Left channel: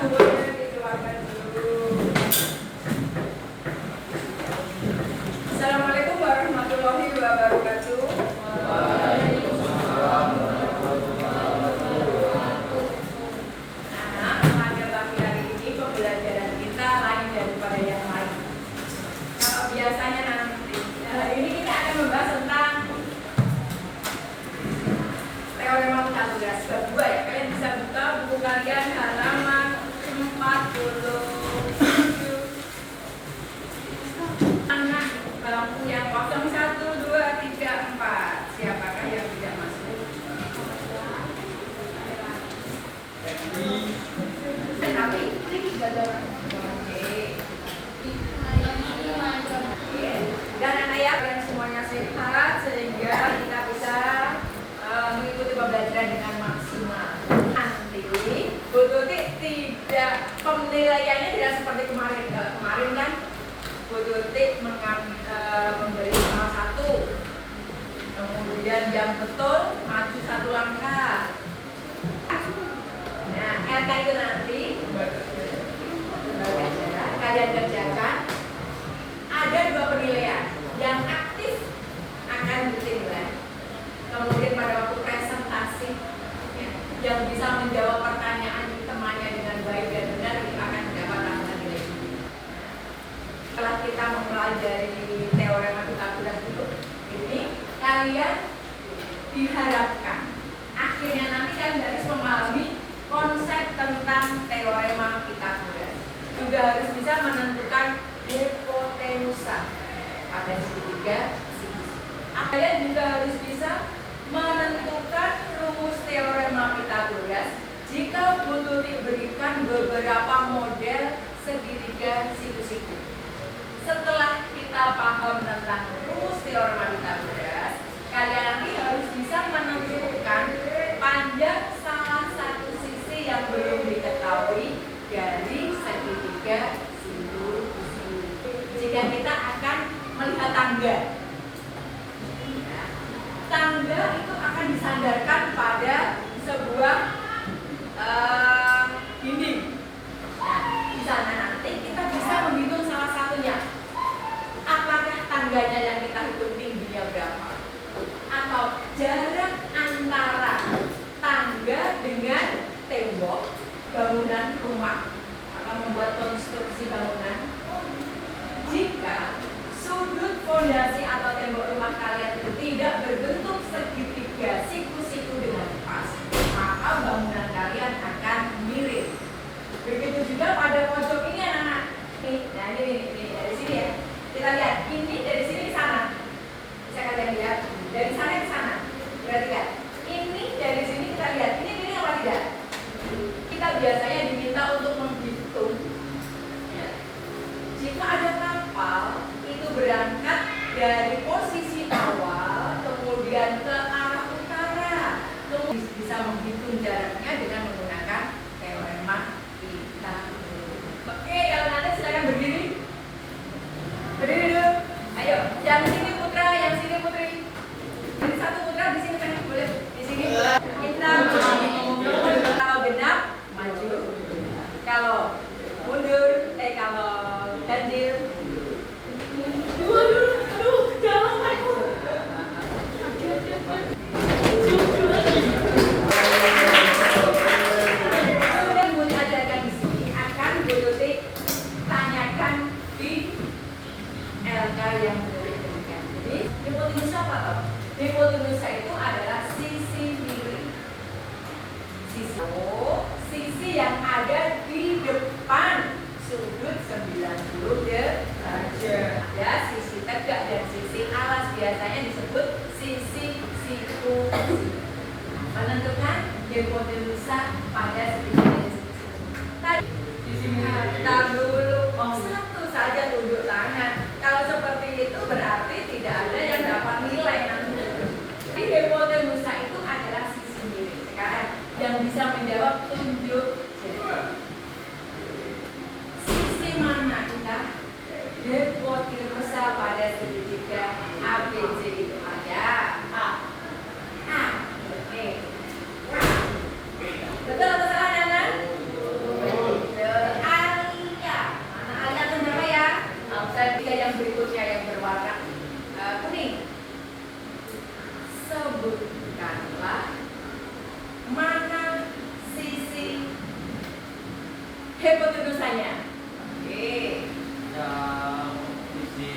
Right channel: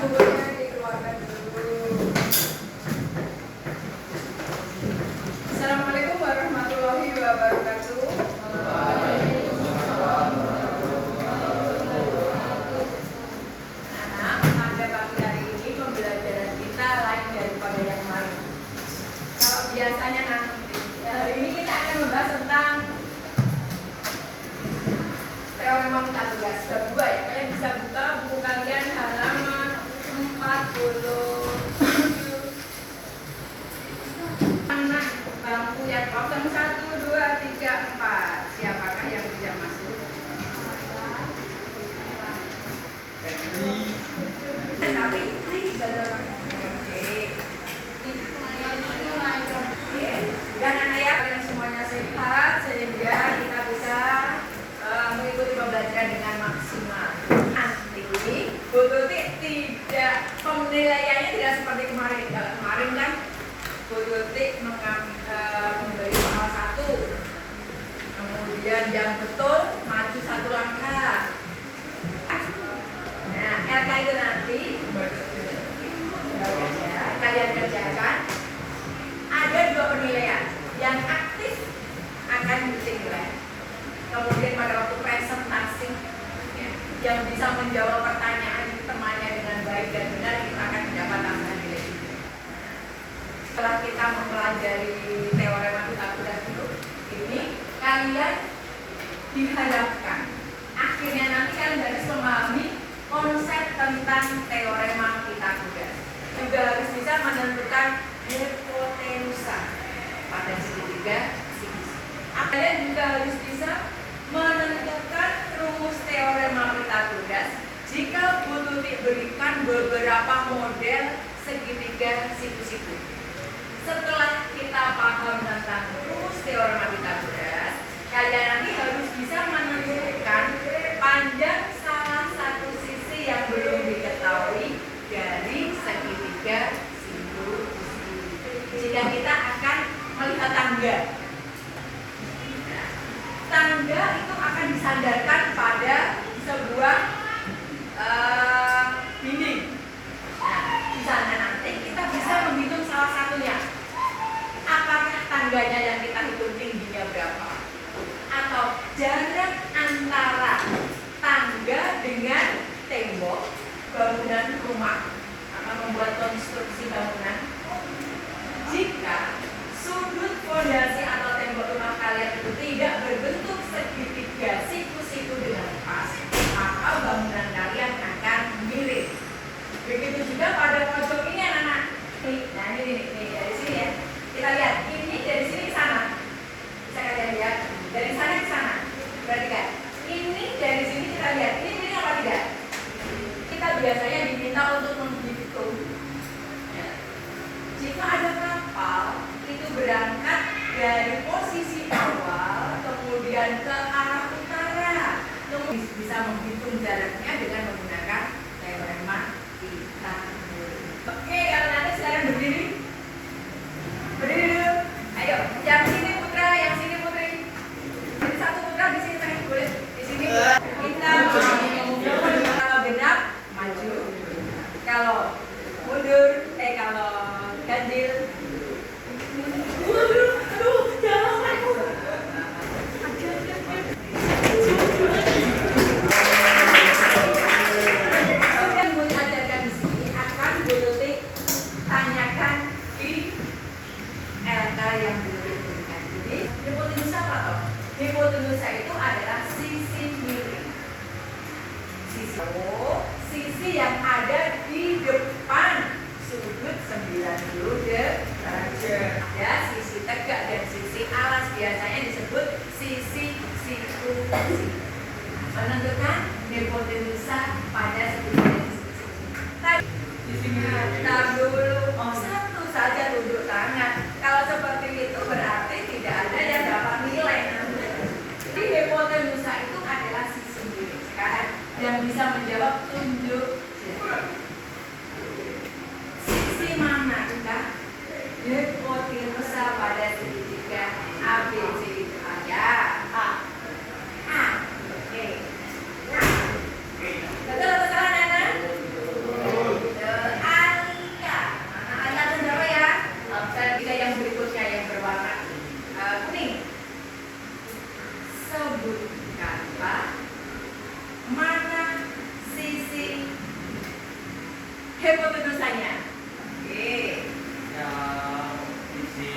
bukunya dikeluarkan dulu. Assalamualaikum warahmatullahi wabarakatuh. Nah, pada pagi hari ini pembelajaran kita lain daripada yang lain. Kalau biasanya nanti, ini kita akan membahas tentang teorema Pythagoras bab 2 ya. Kalian bisa buka buku kalian halaman 47. Anak bangku yang kosong 1, 2, 3, 4. Siapakah yang tidak masuk? Tapi ini bisa dorong. Oke. Dan anak ya yang semuanya sehat sehingga kita bisa mengikuti pembelajaran dengan maksimal. Nanti Bu Tuti tidak, penilaiannya tidak seperti kemarin. Kalau kemarin kan Bu Tuti memberi salah satu, kemudian yang betul maju satu langkah. Nah, RK itu nanti kalian kerjakan. Ada 2 penilaian. Yang aktif akan dinilai. Kemudian pada waktu presentasi ya, yang bisa menjawab pertanyaan temannya dengan baik dan benar itu akan mendapat tambahan nilai. Setelah kita mempelajari teorema Pythagoras ini kalian diharapkan akhirnya nanti kalian harus memahami konsep tentang teorema Pythagoras. Juga harus bisa menentukan hipotenusa pada segitiga sinus. Kalian juga harus bisa menentukan rumus teorema Pythagoras jika Bu Tuti berikan beberapa model segitiga siku-siku. Setelah kita paham tentang rumus teorema Pythagoras, kalian nanti harus bisa menentukan panjang salah satu sisi yang belum diketahui dari segitiga siku-siku. Jika kita akan melihat tangga, tangga itu akan disandarkan pada sebuah dinding. Nah, di sana nanti kita bisa menghitung salah satunya. Apakah tangganya yang kita hitung tingginya berapa? Atau jarak antara tangga dengan tembok bangunan rumah atau membuat konstruksi bangunan. Jika sudut fondasi atau tembok rumah kalian itu tidak berbentuk segitiga siku-siku dengan pas, maka bangunan kalian akan miring. Begitu juga pada pojok ini anak-anak. Nah ini dari sini ya. Kita lihat ini dari sini ke sana. Bisa kalian lihat dari sana ke sana. Perhatikan. Ini dari sini kita lihat. Ini apa tidak? Kita biasanya diminta untuk menghitung. Jika ada kapal itu berangkat dari posisi awal kemudian ke arah utara, kemudian bisa menghitung jaraknya dengan menggunakan teorema Pythagoras. Oke, yang nanti silakan berdiri. Berdiri dulu. Ayo, yang sini putra, yang sini putri. Ini satu putra di sini tengah boleh. Di sini kita kalau genap maju. Kalau mundur, kalau ganjil. Aduh, jangan. Yang Bu ajarkan di sini akan Bu Tuti tanyakan di LK yang Bu Tuti berikan. Jadi, hipotenusa apa toh? Hipotenusa itu adalah sisi miring. Sisi yang ada di depan sudut 90 derajat. Hipotenusanya. Oke. Yang sisi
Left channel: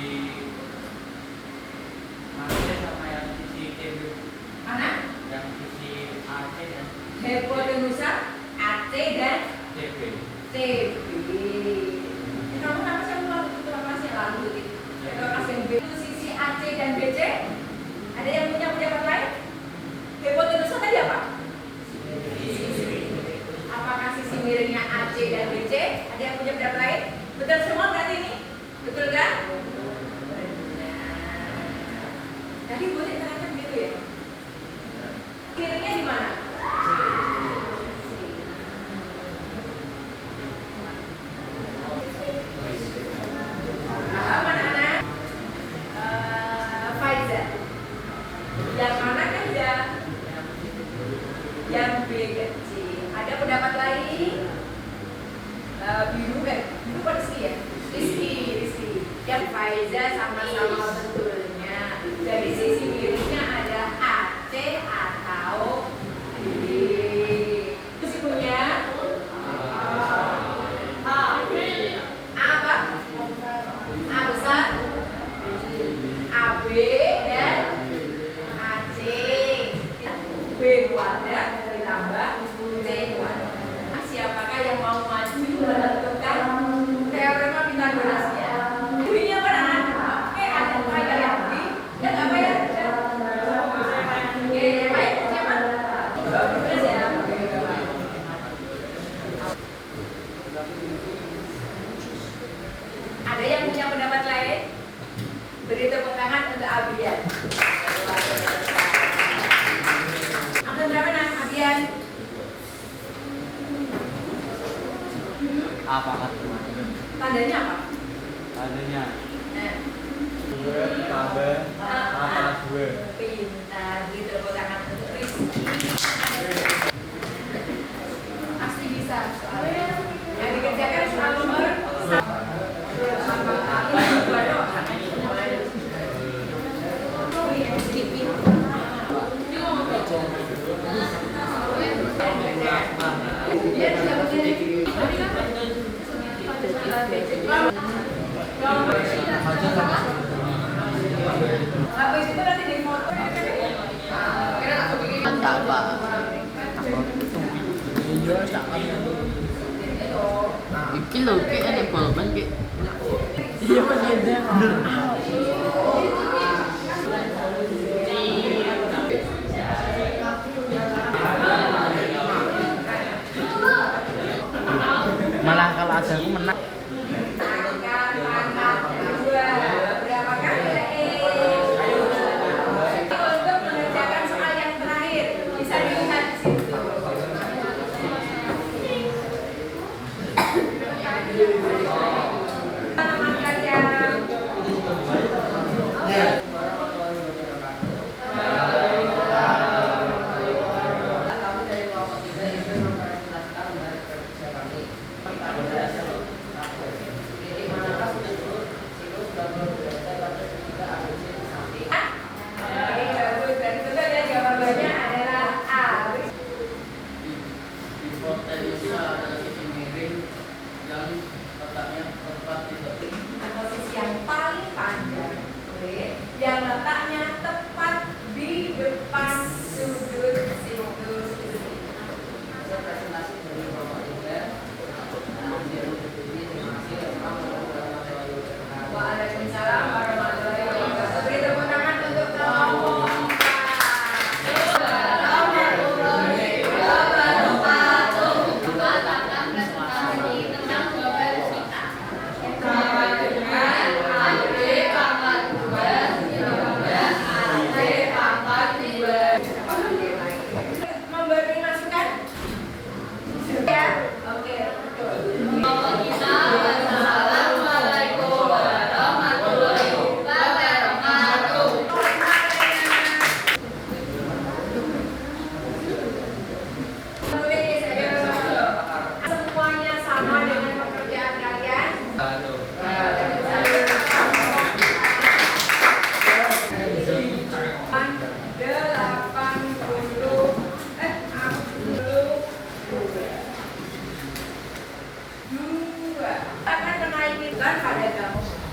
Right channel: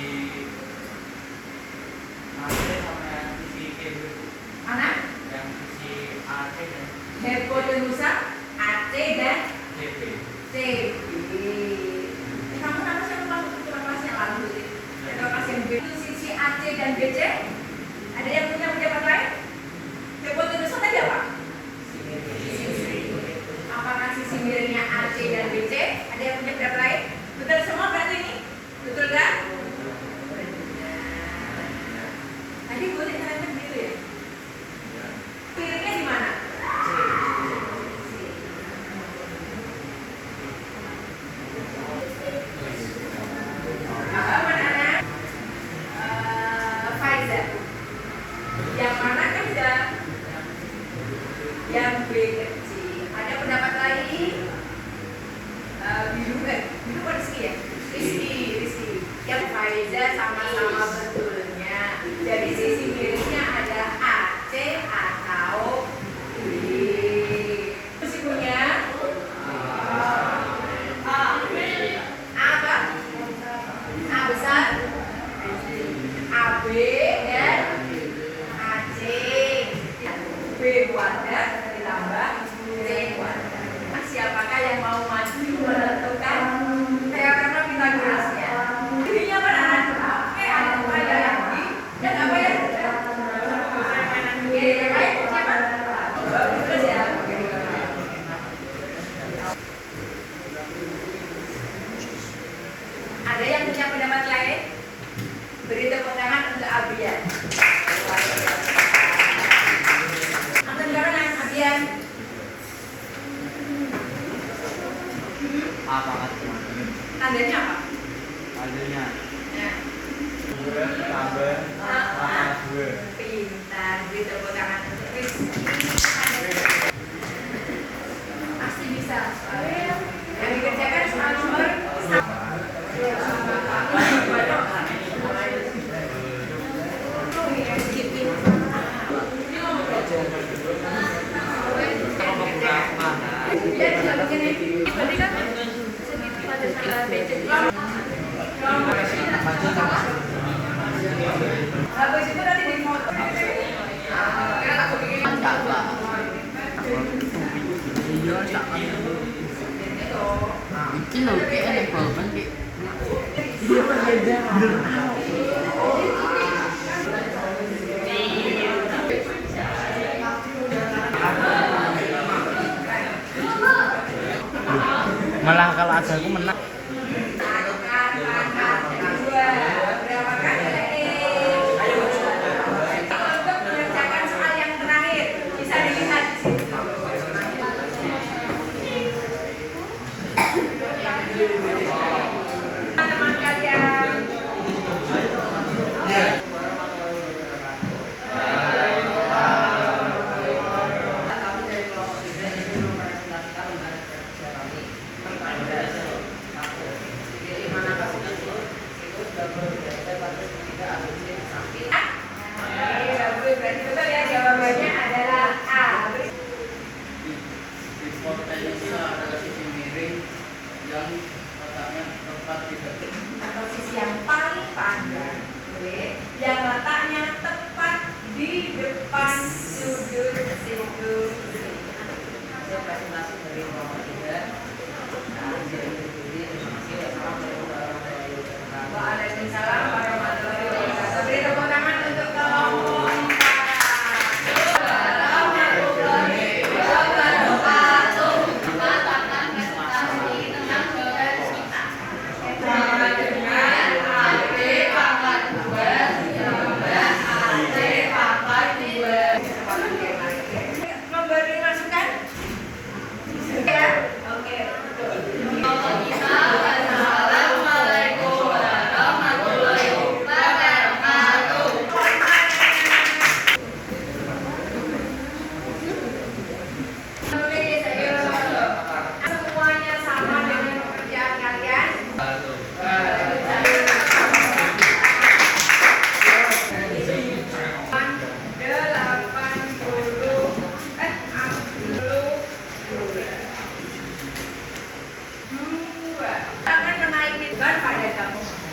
AC sama yang sisi KB. Mana? Yang sisi AC dan Hipotenusa, AC dan CB. CB. Kamu nama siapa waktu kelas yang lalu? Kelas yang B itu sisi AC dan BC. Ada yang punya pendapat lain? Hipotenusa tadi apa? Apakah sisi miringnya AC dan BC? Ada yang punya pendapat lain? Betul semua berarti ini? Betul kan? Tadi boleh terangkan gitu ya? Miringnya di mana? Yang mana kecil? Yang B kecil. Ada pendapat lain? Biru kan Rizky ya? Rizky. Yang Faiza sama-sama betulnya. Jadi sisi miringnya ada AC atau B. Terus punya A apa? A besar, AB dan AC. B kuadrat ditambah C kuadrat. Siapakah yang mau maju menentukan teorema Pythagorasnya? Ini apa anak? Oke, ada saya yang B dan apa ya? Oke, yang lain siapa? Bagus ya. Ada yang punya pendapat lain? Beri tepuk tangan untuk Abian. Angka berapa nak Abian? Apa kata? Tandanya apa? Adanya Nah, 2 tambah sama 2. pintar. Beri tepuk tangan untuk Rizky. Pasti bisa. Yang dikerjakan soal nomor 1. Habis itu nanti di foto. Kira tak bikin. Iki lho, ki ana balban ki. Iya bener. Malah kalah aku menang. Untuk mengerjakan soal yang terakhir bisa dilihat di situ. Teman-teman kalian. Berarti betul ya, jawabannya adalah A. Hipotenusa adalah sisi miring yang letaknya bukan pada kamu.